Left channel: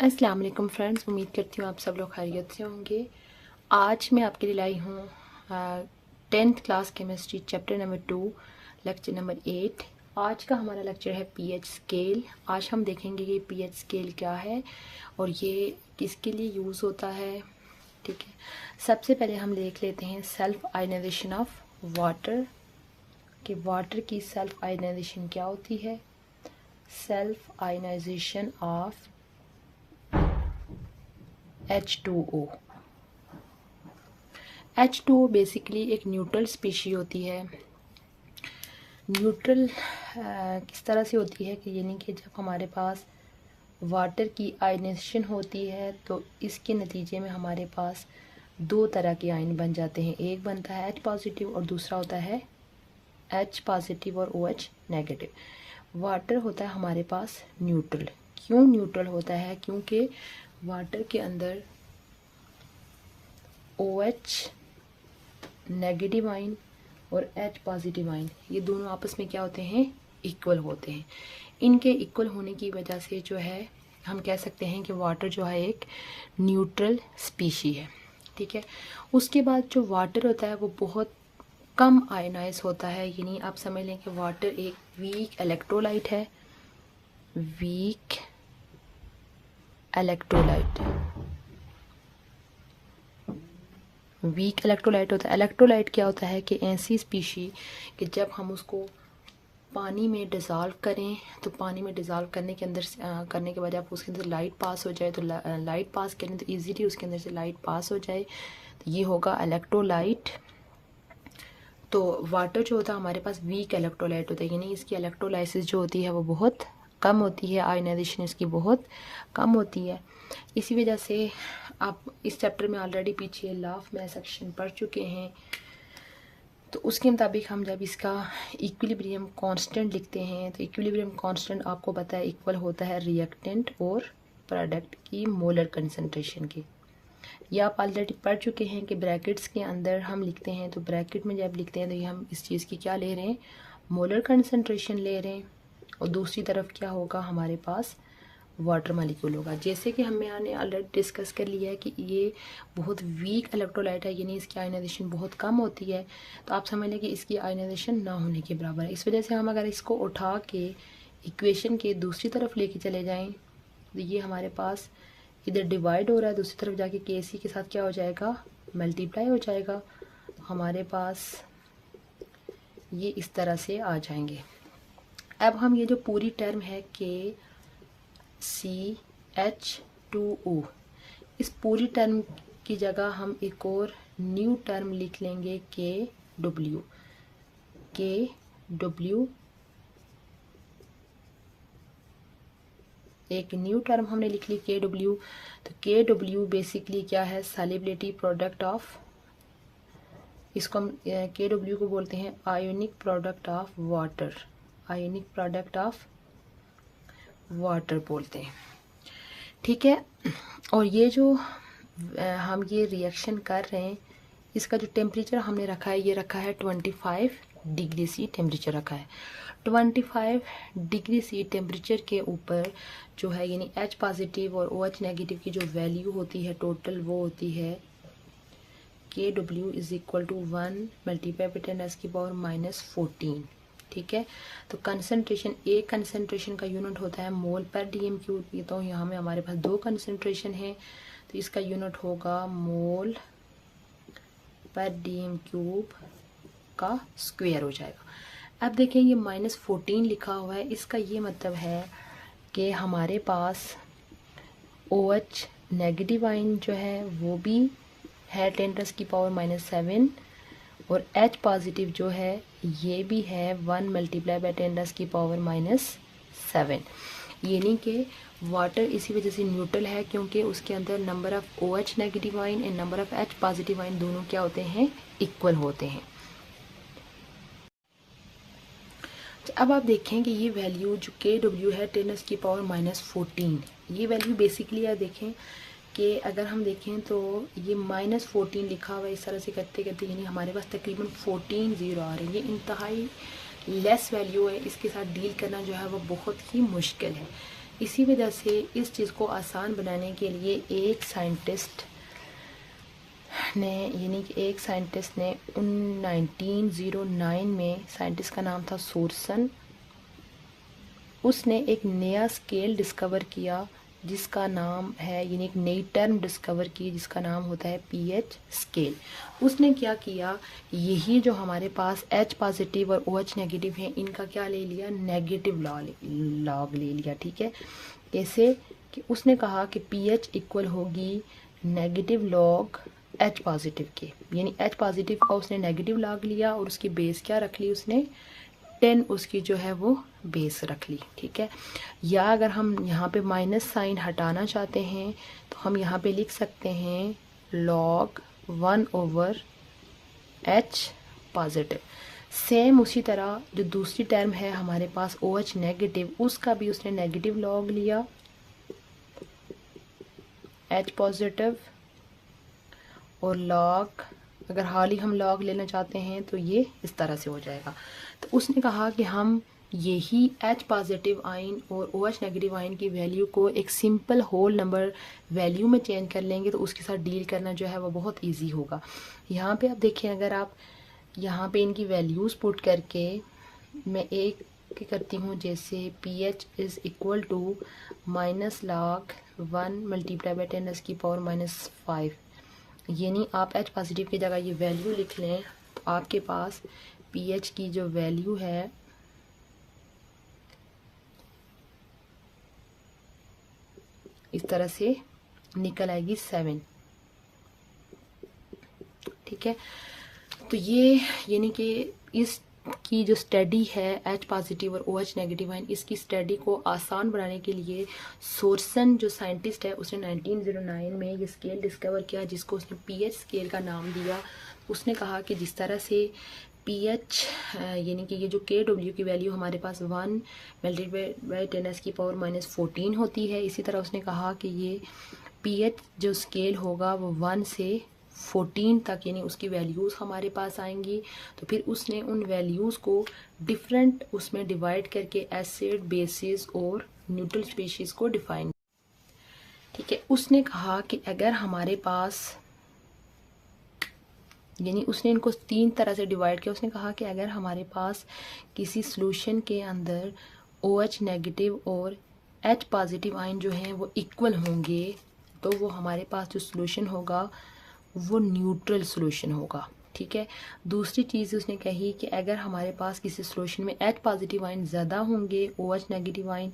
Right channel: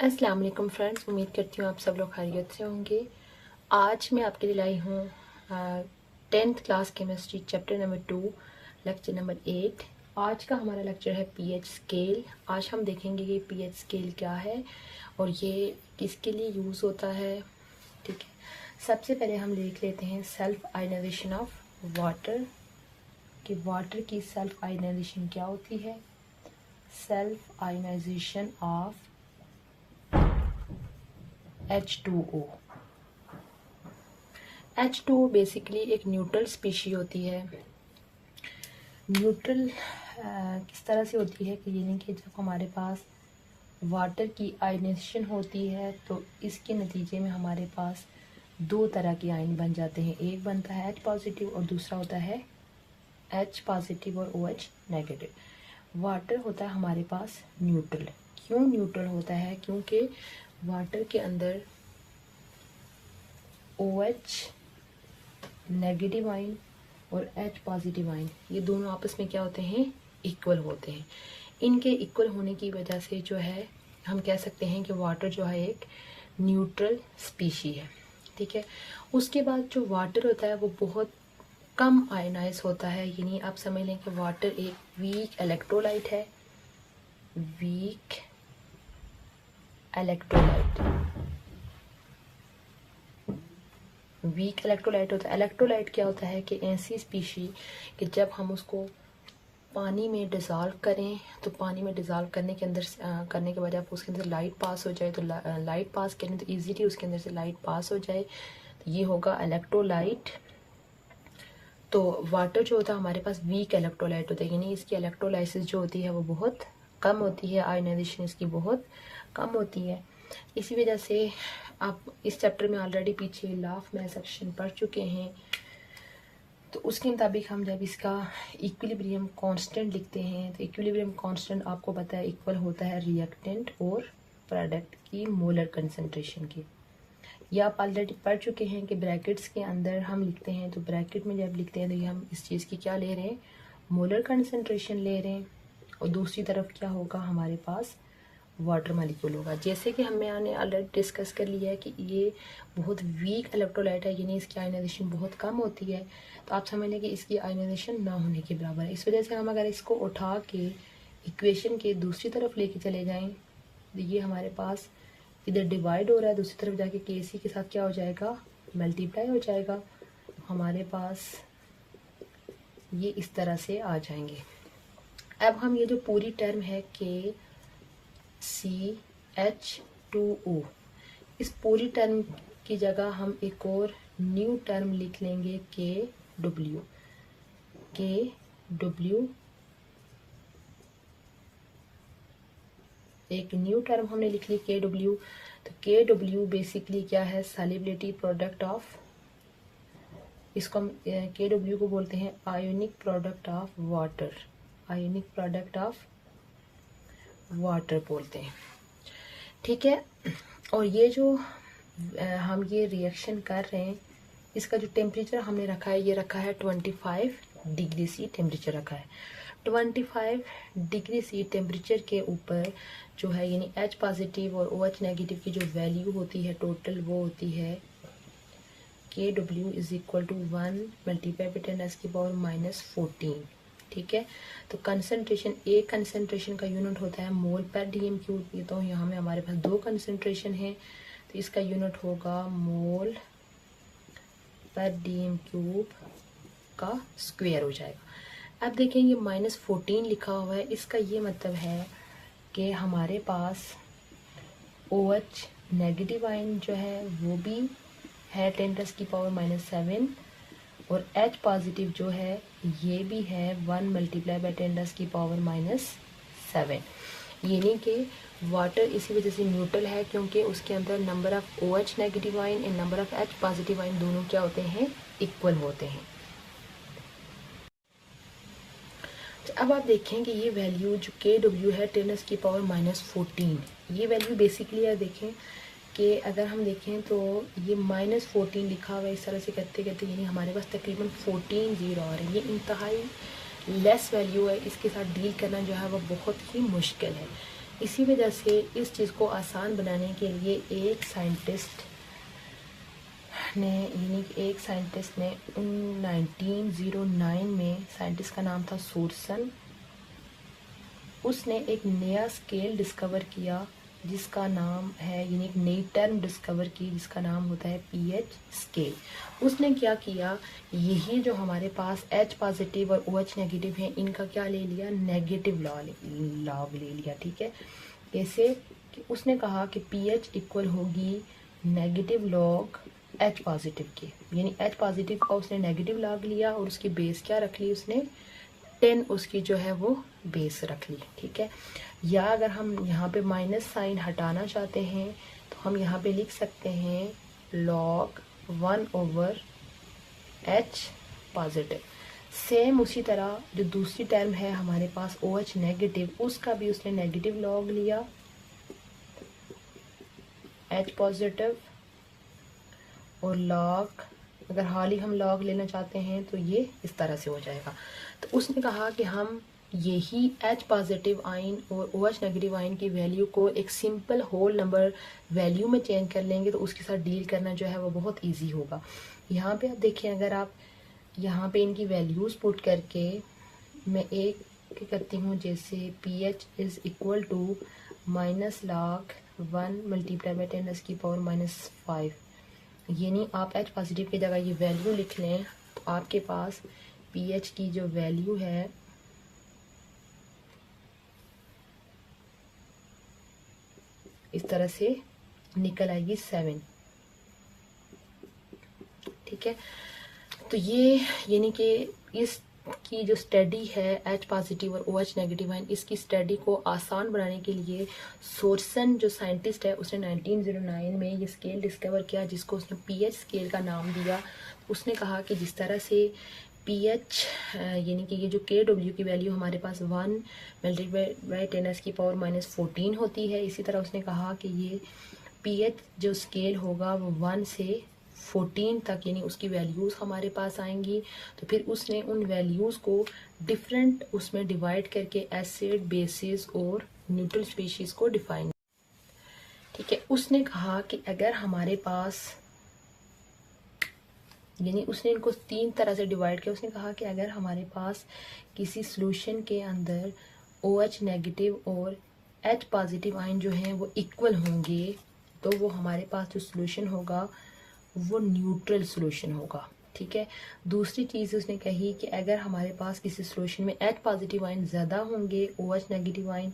अस्सलाम वालेकुम फ्रेंड्स, उम्मीद करती हूँ आप सब लोग खैरियत से होंगे। आज मैं आपके लिए लाई हूँ 10th class chemistry chapter number 2 lecture number 8। आज का हमारा लेक्चर है पीएच स्केल। आज हम देखेंगे कि पीएच स्केल क्या है और ये किसके लिए यूज़ होता है। ठीक है, सबसे पहले हम देख लेते हैं सेल्फ आयनाइजेशन ऑफ वाटर, कि वाटर की सेल्फ आयनाइजेशन क्या होती है। Self ionization of H2O। H2O basically एक न्यूट्रल स्पीशी होती है। न्यूट्रल किस तरह से होती है कि यानी कि जब हमारे पास वाटर की आयनाइजेशन होती है तो इसके नतीजे में हमारे पास दो तरह के आयन बन जाते हैं। एक बनता है H पॉजिटिव और दूसरा होता है H पॉजिटिव और OH नेगेटिव। वाटर होता है हमारे पास न्यूट्रल। क्यों न्यूट्रल होता है? क्योंकि वाटर के अंदर OH नेगेटिव आयन और H पॉजिटिव आयन ये दोनों आपस में क्या होते हैं? इक्वल होते हैं। इनके इक्वल होने की वजह से जो है हम कह सकते हैं कि वाटर जो है एक न्यूट्रल स्पीशी है। ठीक है, उसके बाद जो वाटर होता है वो बहुत कम आयनाइज होता है, यानी आप समझ लें कि वाटर एक वीक इलेक्ट्रोलाइट है। वीक इलेक्ट्रोलाइट, वीक इलेक्ट्रोलाइट होता है। इलेक्ट्रोलाइट क्या होता है कि ऐसी स्पीशी कि जब हम उसको पानी में डिज़ोल्व करें तो पानी में डिज़ोल्व करने के अंदर करने के बाद जब उसके अंदर लाइट पास हो जाए तो लाइट पास करें तो इजीली उसके अंदर से लाइट पास हो जाए, तो ये होगा इलेक्ट्रोलाइट। तो वाटर जो होता है हमारे पास वीक इलेक्ट्रोलाइट होता है, यानी इसकी इलेक्ट्रोलाइसिस जो होती है वो बहुत कम होती है, आयनाइजेशन इसकी बहुत कम होती है। इसी वजह से आप इस चैप्टर में ऑलरेडी पीछे लॉ ऑफ मैथ सेक्शन पढ़ चुके हैं, तो उसके मुताबिक हम जब इसका इक्विलिब्रियम कांस्टेंट लिखते हैं तो इक्विलिब्रियम कांस्टेंट आपको पता है इक्वल होता है रिएक्टेंट और प्रोडक्ट की मोलर कंसंट्रेशन की। ये आप ऑलरेडी पढ़ चुके हैं कि ब्रैकेट्स के अंदर हम लिखते हैं तो ब्रैकेट में जब लिखते हैं तो ये हम इस चीज़ की क्या ले रहे हैं? मोलर कंसंट्रेशन ले रहे हैं, और दूसरी तरफ क्या होगा? हमारे पास वाटर मालिक्यूल होगा। जैसे कि हमने ऑलरेडी डिस्कस कर लिया है कि ये बहुत वीक इलेक्ट्रोलाइट है, यानी इसकी आयनाइजेशन बहुत कम होती है, तो आप समझ लें कि इसकी आयनाइजेशन ना होने के बराबर है। इस वजह से हम अगर इसको उठा के इक्वेशन के दूसरी तरफ लेके चले जाएं तो ये हमारे पास इधर डिवाइड हो रहा है, दूसरी तरफ जाके KC के साथ क्या हो जाएगा? मल्टीप्लाई हो जाएगा। हमारे पास ये इस तरह से आ जाएंगे। अब हम ये जो पूरी टर्म है KCH2O, इस पूरी टर्म की जगह हम एक और न्यू टर्म लिख लेंगे KW। KW एक न्यू टर्म हमने लिख ली KW। तो KW बेसिकली क्या है? सॉल्युबिलिटी प्रोडक्ट ऑफ, इसको हम KW को बोलते हैं ionic product of water. Ionic product of water बोलते हैं। ठीक है, और ये जो हम ये रिएक्शन कर रहे हैं इसका जो टेम्परेचर हमने रखा है ये रखा है 25 डिग्री C टेम्परेचर रखा है। 25 डिग्री C टेम्परेचर के ऊपर जो है यानी H पॉजिटिव और OH नेगेटिव की जो वैल्यू होती है टोटल वो होती है KW is equal to 1 multiply by 10⁻⁻14। ठीक है, तो कंसंट्रेशन, एक कंसंट्रेशन का यूनिट होता है मोल पर DM क्यूब। ये तो यहाँ में हमारे पास दो कंसंट्रेशन है तो इसका यूनिट होगा मोल पर DM क्यूब का स्क्वायर हो जाएगा। अब देखें ये -14 लिखा हुआ है, इसका ये मतलब है कि हमारे पास OH नेगेटिव आयन जो है वो भी है 10⁻⁻7 और H पॉजिटिव जो है ये भी है 1 मल्टीप्लाई बाई 10⁻⁻7। यानी कि वाटर इसी वजह से न्यूट्रल है क्योंकि उसके अंदर number of OH negative ion and number of H positive ion दोनों क्या होते हैं? इक्वल होते हैं। तो अब आप देखें कि ये वैल्यू जो KW है 10⁻⁻14, ये वैल्यू बेसिकली आप देखें कि अगर हम देखें तो ये -14 लिखा हुआ है, इस तरह से कहते कहते यानी हमारे पास तकरीबन 14 जीरो आ रही है। ये इंतहाई लेस वैल्यू है, इसके साथ डील करना जो है वो बहुत ही मुश्किल है। इसी वजह से इस चीज़ को आसान बनाने के लिए एक साइंटिस्ट ने 1909 में, साइंटिस्ट का नाम था सोर्सन, उसने एक नया स्केल डिस्कवर किया जिसका नाम है, यानी एक नई टर्म डिस्कवर की जिसका नाम होता है पीएच स्केल। उसने क्या किया, यही जो हमारे पास H पॉजिटिव और OH नेगेटिव है, इनका क्या ले लिया, नेगेटिव लॉग ले लिया। ठीक है, कैसे कि उसने कहा कि पीएच इक्वल होगी नेगेटिव लॉग H पॉजिटिव के, यानी H पॉजिटिव का उसने नेगेटिव लॉग लिया और उसकी बेस क्या रख ली उसने, 10 उसकी जो है वो बेस रख ली। ठीक है, या अगर हम यहाँ पे माइनस साइन हटाना चाहते हैं तो हम यहाँ पे लिख सकते हैं log 1/H पॉजिटिव। सेम उसी तरह जो दूसरी टर्म है हमारे पास OH नेगेटिव, उसका भी उसने नेगेटिव लॉग लिया H पॉजिटिव, और लॉग, अगर हाल ही हम लॉग लेना चाहते हैं तो ये इस तरह से हो जाएगा। तो उसने कहा कि हम यही H पॉजिटिव आयन और OH नेगेटिव आयन की वैल्यू को एक सिंपल होल नंबर वैल्यू में चेंज कर लेंगे तो उसके साथ डील करना जो है वो बहुत इजी होगा। यहाँ पे आप देखिए, अगर आप यहाँ पे इनकी वैल्यूज पुट करके मैं एक करती हूँ, जैसे pH is equal to -log 1 multiply by 10⁻⁻⁵, यानी आप H पॉजिटिव की जगह ये वैल्यू लिख लें तो आपके पास pH की जो वैल्यू है इस तरह से निकल आएगी 7। ठीक है, तो ये यानी कि इसकी जो स्टडी है H पॉजिटिव और OH नेगेटिव है, इसकी स्टडी को आसान बनाने के लिए सोर्सन जो साइंटिस्ट है उसने 1909 में ये स्केल डिस्कवर किया जिसको उसने पीएच स्केल का नाम दिया। उसने कहा कि जिस तरह से पीएच यानी कि ये जो KW की वैल्यू हमारे पास 1 मल्टीप्लाई बाई 10⁻⁻14 होती है, इसी तरह उसने कहा कि ये पीएच जो स्केल होगा वो 1 से 14 तक यानी उसकी वैल्यूज़ हमारे पास आएंगी। तो फिर उसने उन वैल्यूज़ को डिफरेंट उसमें डिवाइड करके एसिड, बेसिस और न्यूट्रल स्पीशीज़ को डिफाइन। ठीक है, उसने कहा कि अगर हमारे पास, यानी उसने इनको 3 तरह से डिवाइड किया। उसने कहा कि अगर हमारे पास किसी सॉल्यूशन के अंदर OH नेगेटिव और H पॉजिटिव आयन जो हैं वो इक्वल होंगे तो वो हमारे पास जो सॉल्यूशन होगा वो न्यूट्रल सॉल्यूशन होगा। ठीक है, दूसरी चीज़ उसने कही कि अगर हमारे पास किसी सॉल्यूशन में H पॉजिटिव आयन ज़्यादा होंगे, OH नेगेटिव आयन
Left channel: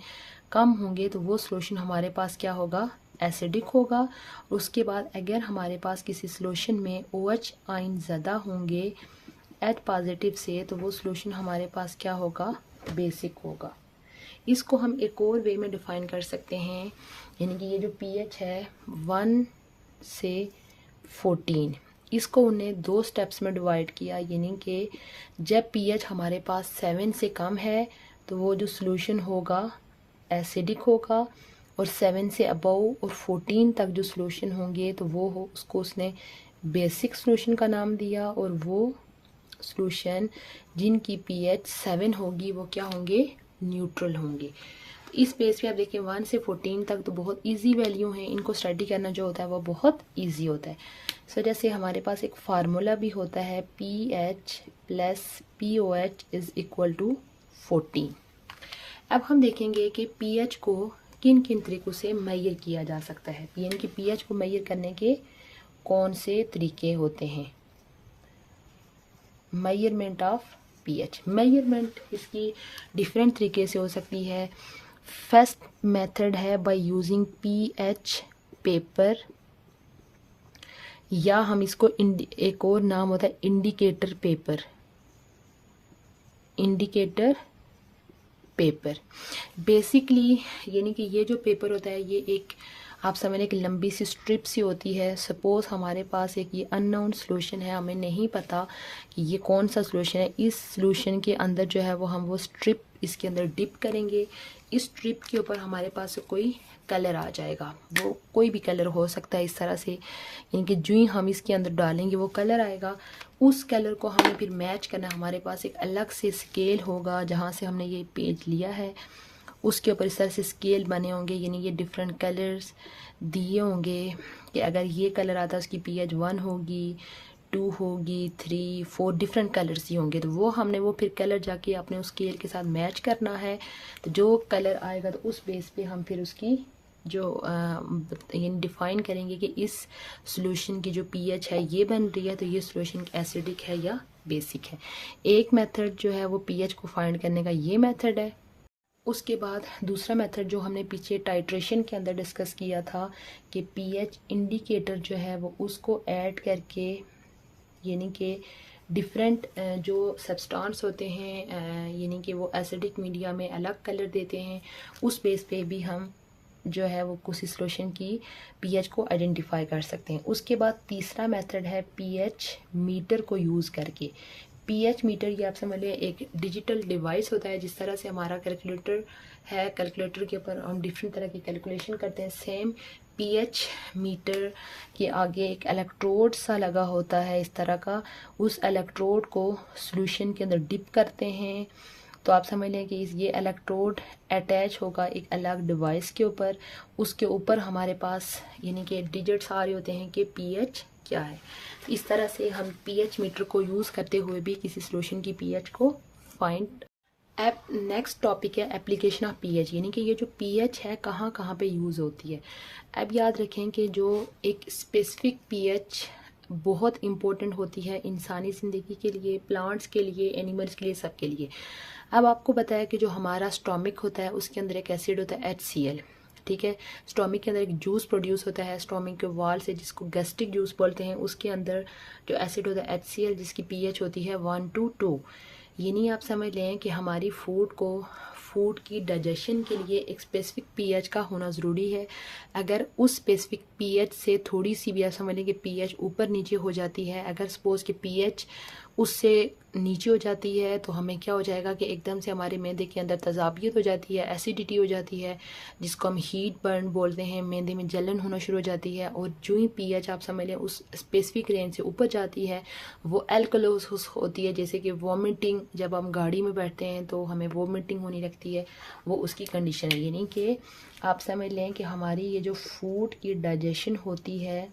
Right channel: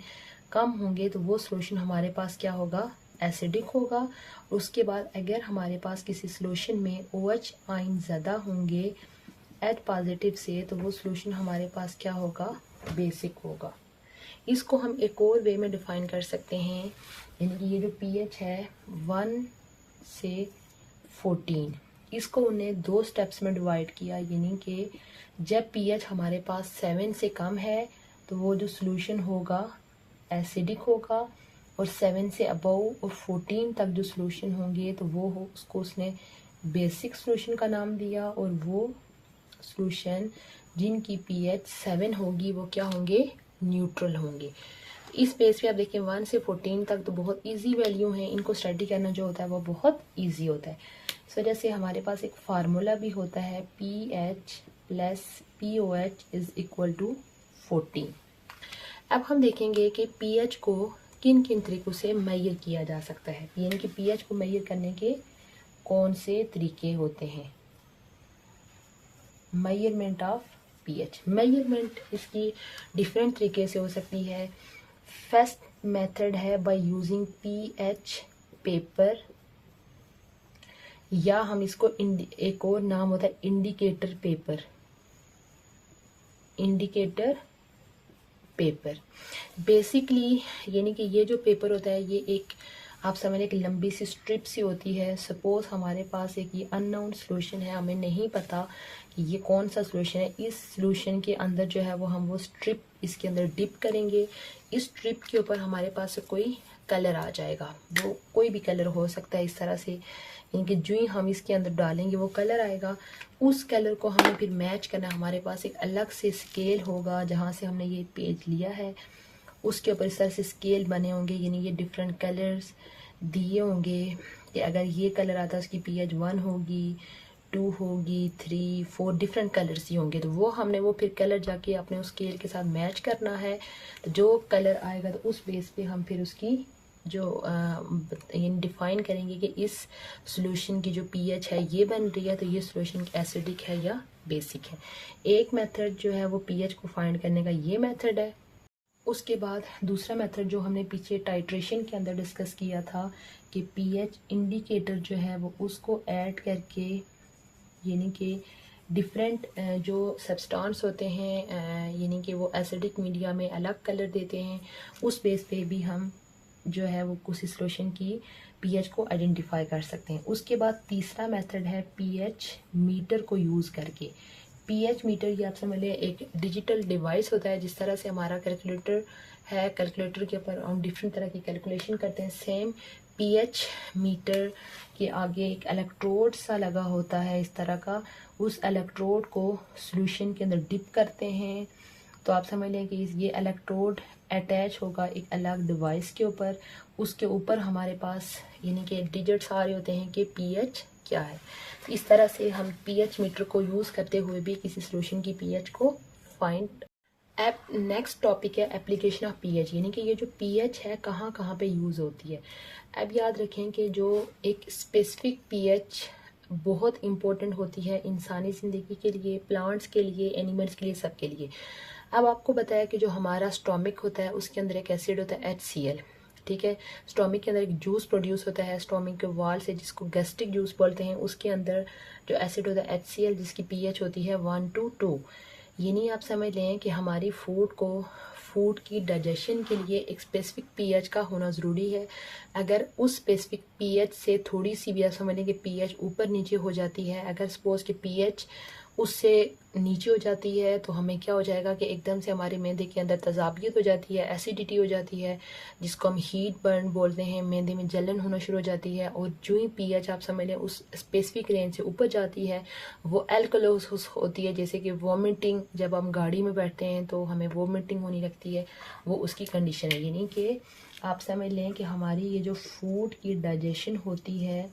कम होंगे, तो वो सॉल्यूशन हमारे पास क्या होगा, एसिडिक होगा। उसके बाद अगर हमारे पास किसी सॉल्यूशन में OH आयन ज़्यादा होंगे H पॉजिटिव से, तो वो सॉल्यूशन हमारे पास क्या होगा, बेसिक होगा। इसको हम एक और वे में डिफाइन कर सकते हैं, यानी कि ये जो pH है 1 से 14, इसको उन्हें 2 स्टेप्स में डिवाइड किया, यानी कि जब pH हमारे पास 7 से कम है तो वो जो सॉल्यूशन होगा एसिडिक होगा, और 7 से अबव और 14 तक जो सॉल्यूशन होंगे तो वो हो, उसको उसने बेसिक सॉल्यूशन का नाम दिया, और वो सॉल्यूशन जिनकी pH 7 होगी वो क्या होंगे, न्यूट्रल होंगे। इस बेस पे आप देखिए 1 से 14 तक तो बहुत इजी वैल्यू है, इनको स्टडी करना जो होता है वो बहुत इजी होता है। सो जैसे हमारे पास एक फार्मूला भी होता है pH plus POH is equal to 14। अब हम देखेंगे कि pH को किन किन तरीकों से मेजर किया जा सकता है, यानी कि pH को मेजर करने के कौन से तरीके होते हैं। मेजरमेंट ऑफ pH, मेजरमेंट इसकी डिफरेंट तरीके से हो सकती है। फर्स्ट मेथड है बाय यूजिंग pH पेपर, या हम इसको एक और नाम होता है indicator paper, indicator paper. Basically यानी कि ये जो पेपर होता है ये एक, आप समझ लें, एक लंबी सी स्ट्रिप सी होती है। सपोज हमारे पास एक ये अननोन सॉल्यूशन है, हमें नहीं पता कि ये कौन सा सॉल्यूशन है। इस सॉल्यूशन के अंदर जो है वो हम वो स्ट्रिप इसके अंदर डिप करेंगे, इस स्ट्रिप के ऊपर हमारे पास कोई कलर आ जाएगा, वो कोई भी कलर हो सकता है इस तरह से, यानी कि जो ही हम इसके अंदर डालेंगे वो कलर आएगा। उस कलर को हमें फिर मैच करना, हमारे पास एक अलग से स्केल होगा जहाँ से हमने ये पेज लिया है, उसके ऊपर इस तरह से स्केल बने होंगे, यानी ये डिफरेंट कलर्स दिए होंगे कि अगर ये कलर आता है उसकी pH 1 होगी, 2 होगी, 3, 4 डिफरेंट कलर्स ही होंगे। तो वो हमने वो फिर कलर जाके अपने उस स्केल के साथ मैच करना है। तो जो कलर आएगा तो उस बेस पे हम फिर उसकी जो डिफाइन करेंगे कि इस सॉल्यूशन की जो pH है ये बन रही है, तो ये सॉल्यूशन एसिडिक है या बेसिक है। एक मेथड जो है वो pH को फाइंड करने का ये मेथड है। उसके बाद दूसरा मेथड जो हमने पीछे टाइट्रेशन के अंदर डिस्कस किया था कि pH इंडिकेटर जो है वो उसको ऐड करके, यानी कि डिफरेंट जो सब्सटेंस होते हैं यानी कि वो एसिडिक मीडिया में अलग कलर देते हैं, उस बेस पे भी हम जो है वो किसी सॉल्यूशन की pH को आइडेंटिफाई कर सकते हैं। उसके बाद तीसरा मेथड है pH मीटर को यूज़ करके। pH मीटर ये आप समझ लें एक डिजिटल डिवाइस होता है, जिस तरह से हमारा कैलकुलेटर है, कैलकुलेटर के ऊपर हम डिफरेंट तरह की कैलकुलेशन करते हैं, सेम pH मीटर के आगे एक इलेक्ट्रोड सा लगा होता है इस तरह का। उस इलेक्ट्रोड को सॉल्यूशन के अंदर डिप करते हैं, तो आप समझ लें कि ये इलेक्ट्रोड अटैच होगा एक अलग डिवाइस के ऊपर। उसके ऊपर हमारे पास यानी कि डिजिट्स आ रहे होते हैं कि pH क्या है। इस तरह से हम pH मीटर को यूज़ करते हुए भी किसी सॉल्यूशन की pH को फाइंड। अब नेक्स्ट टॉपिक है एप्लीकेशन ऑफ pH, यानी कि ये जो pH है कहाँ कहाँ पे यूज़ होती है। अब याद रखें कि जो एक स्पेसिफिक pH बहुत इम्पोर्टेंट होती है इंसानी ज़िंदगी के लिए, प्लांट्स के लिए, एनिमल्स के लिए, सबके लिए। अब आपको बताया कि जो हमारा स्टोमिक होता है उसके अंदर एक एसिड होता है HCl, ठीक है। स्टोमिक के अंदर एक जूस प्रोड्यूस होता है स्टोमिक के वाल से, जिसको गैस्ट्रिक जूस बोलते हैं। उसके अंदर जो एसिड होता है HCl, जिसकी pH होती है 1 to 2। यानी आप समझ लें कि हमारी फूड की डाइजेशन के लिए एक स्पेसिफिक pH का होना ज़रूरी है। अगर उस स्पेसिफिक pH से थोड़ी सी भी आप समझ लें कि pH ऊपर नीचे हो जाती है, अगर सपोज कि pH उससे नीचे हो जाती है, तो हमें क्या हो जाएगा कि एकदम से हमारे मैदे के अंदर तज़ाबियत हो जाती है, एसिडिटी हो जाती है, जिसको हम हीट बर्न बोलते हैं। मैदे में जलन होना शुरू हो जाती है, और जो ही pH आप समझ लें उस स्पेसिफिक रेंज से ऊपर जाती है वो अल्कलोसिस होती है। जैसे कि वॉमिटिंग, जब हम गाड़ी में बैठते हैं तो हमें वॉमिटिंग होने लगती है, वो उसकी कंडीशन है। यानी कि आप समझ लें कि हमारी ये जो फूड की डाइजेशन होती है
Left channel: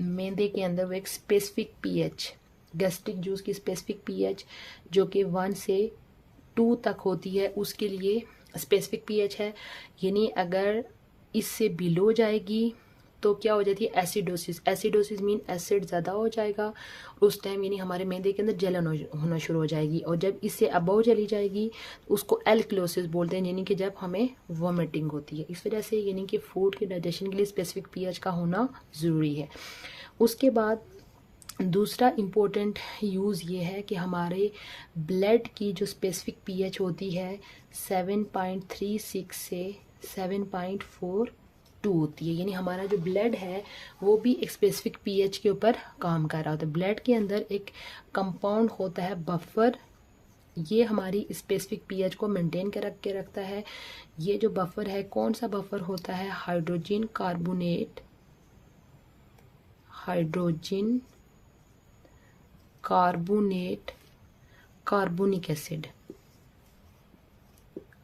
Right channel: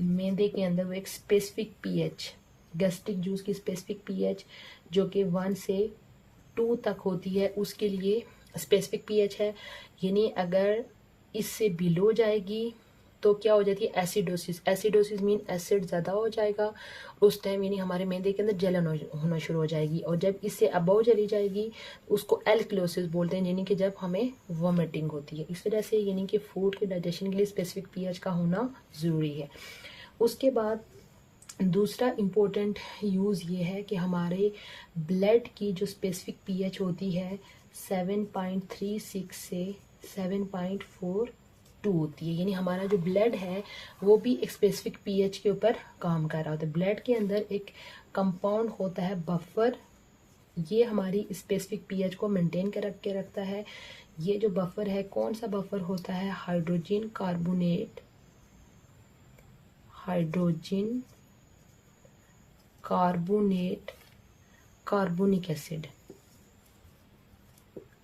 मैदे के अंदर, वो एक स्पेसिफिक pH, गैस्ट्रिक जूस की स्पेसिफिक pH जो कि 1 से 2 तक होती है, उसके लिए स्पेसिफिक pH है। यानी अगर इससे बिलो जाएगी तो क्या हो जाती है एसिडोसिस। एसिडोसिस मीन एसिड ज़्यादा हो जाएगा उस टाइम, यानी हमारे मैदे के अंदर जलन होना शुरू हो जाएगी। और जब इससे अबव चली जाएगी उसको एल्कलोसिस बोलते हैं, यानी कि जब हमें वॉमिटिंग होती है। इस वजह से यानी कि फूड के डाइजेशन के लिए स्पेसिफिक pH का होना ज़रूरी है। उसके बाद दूसरा इम्पोर्टेंट यूज़ ये है कि हमारे ब्लड की जो स्पेसिफिक pH होती है 7.36 से 7.42 होती है। यानी हमारा जो ब्लड है वो भी एक स्पेसिफिक pH के ऊपर काम कर रहा होता है। ब्लड के अंदर एक कंपाउंड होता है बफर, ये हमारी स्पेसिफिक pH को मेंटेन कर के रखता है। ये जो बफर है, कौन सा बफर होता है? हाइड्रोजन कार्बोनेट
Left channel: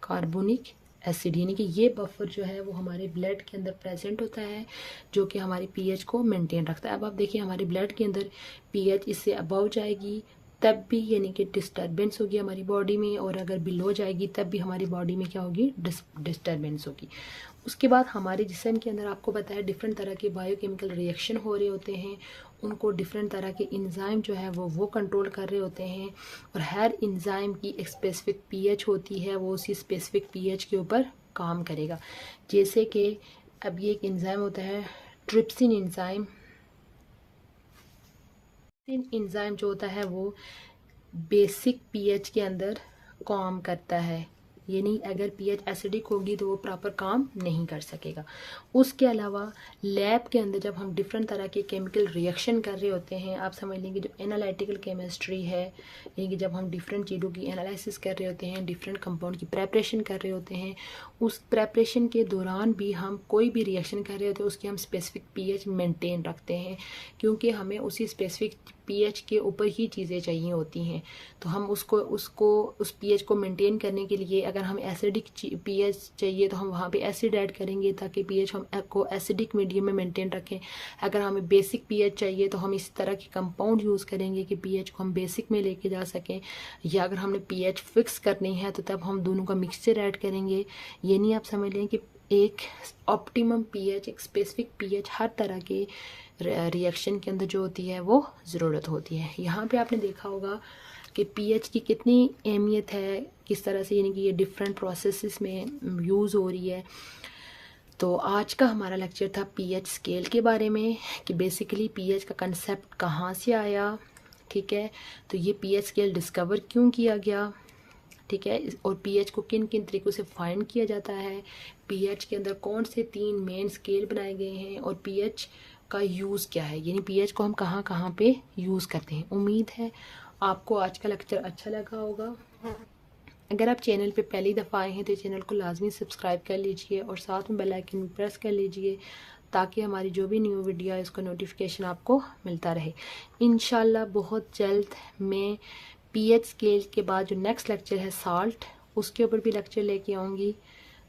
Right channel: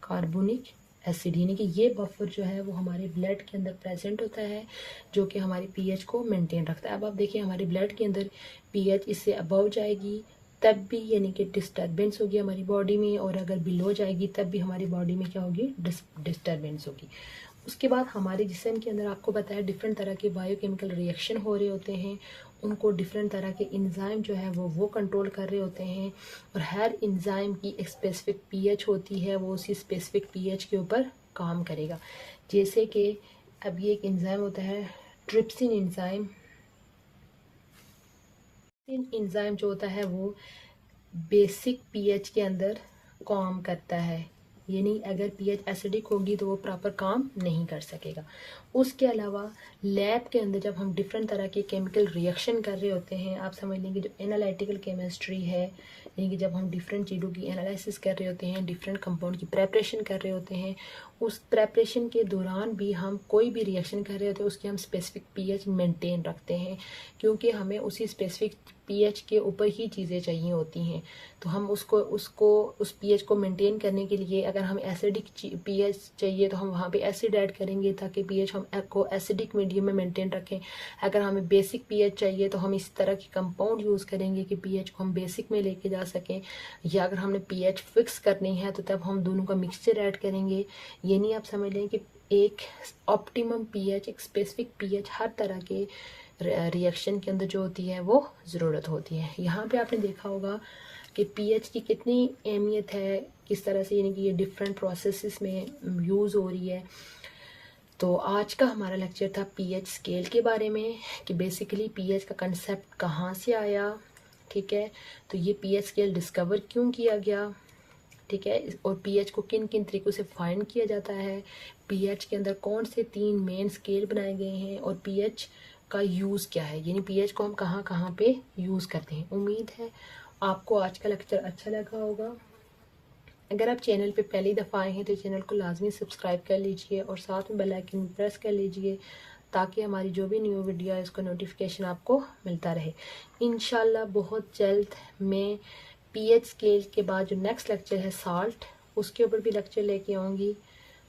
कार्बोनिक एसिड, यानी कि ये बफर जो है वो हमारे ब्लड के अंदर प्रेजेंट होता है, जो कि हमारी pH को मेंटेन रखता है। अब आप देखिए हमारे ब्लड के अंदर pH इससे अबव जाएगी तब भी यानी कि डिस्टर्बेंस होगी हमारी बॉडी में, और अगर बिलो जाएगी तब भी हमारी बॉडी में क्या होगी? डिस्टर्बेंस होगी। उसके बाद हमारे जिस्म के अंदर आपको पता है डिफरेंट तरह के बायोकेमिकल रिएक्शन हो रहे होते हैं, उनको डिफरेंट तरह के इंजाइम जो है वो कंट्रोल कर रहे होते हैं, और हर इंजाइम की एक स्पेसिफिक pH होती है, वो उसी स्पेसिफिक pH के ऊपर काम करेगा। जैसे कि अब ये एक इंजाइम होता है ट्रिप्सिन इंजाइम। इंजाइम जो होता है वो बेसिक pH के अंदर काम करता है, यानी अगर pH एसिडिक होगी तो वो प्रॉपर काम नहीं कर सकेगा। उसके अलावा लैब के अंदर जब हम डिफरेंट तरह के केमिकल रिएक्शन कर रहे होते हैं, आप समझ लेंगे जो एनालिटिकल केमिस्ट्री है, यानी कि जब हम डिफरेंट चीज़ों की एनालिसिस कर रहे होते हैं, डिफरेंट कंपाउंड की प्रेपरेशन कर रहे होते हैं, उस प्रेपरेशन के दौरान भी हम कोई भी रिएक्शन कर रहे होते हैं उसकी हम स्पेसिफिक पीएच मेंटेन रखते हैं, क्योंकि हमें उसी स्पेसिफिक पीएच के ऊपर ही चीज़ें चाहिए होती हैं। तो हम उसको उस पीएच को मेंटेन करने के लिए अगर हम एसिडिक पीएच चाहिए तो हम वहाँ पे एसिड ऐड करेंगे ताकि पीएच हम को एसिडिक मीडियम में मेंटेन रखें। अगर हमें बेसिक पीएच चाहिए तो हम इस तरह के कंपाउंड यूज़ करेंगे कि पीएच को हम बेसिक में लेके जा सकें, या अगर हमने पीएच फिक्स करनी है तो तब हम दोनों का मिक्सचर ऐड करेंगे। ये नहीं आप समझ लें कि एक ऑप्टिमम पीएच, एक स्पेसिफिक पीएच हर तरह के रिएक्शन के अंदर जो होती है वो ज़रूरत होती है। यहाँ पे आपने देखा होगा कि पीएच की कितनी अहमियत है, किस तरह से यानी कि ये डिफरेंट प्रोसेसेस में यूज़ हो रही है। तो आज का हमारा लेक्चर था पीएच स्केल के बारे में कि बेसिकली पीएच का कंसेप्ट कहाँ से आया, ठीक है, तो ये पीएच स्केल डिस्कवर क्यों किया गया, ठीक है, और पीएच को किन किन तरीक़ों से फाइंड किया जाता है, पीएच के अंदर कौन से 3 मेन स्केल बनाए गए हैं, और पीएच का यूज़ क्या है, यानी पीएच को हम कहाँ कहाँ पे यूज़ करते हैं। उम्मीद है आपको आज का लेक्चर अच्छा लगा होगा। अगर आप चैनल पे पहली दफ़ा आए हैं तो चैनल को लाजमी सब्सक्राइब कर लीजिए और साथ में बेल आइकन प्रेस कर लीजिए ताकि हमारी जो भी न्यू वीडियो है उसका नोटिफिकेशन आपको मिलता रहे। इंशाल्लाह बहुत जल्द मैं पीएच स्केल के बाद जो नेक्स्ट लेक्चर है साल्ट, उसके ऊपर भी लेक्चर लेके आऊँगी।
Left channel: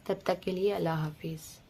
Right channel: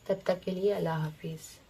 तब तक के लिए अल्लाह हाफिज़।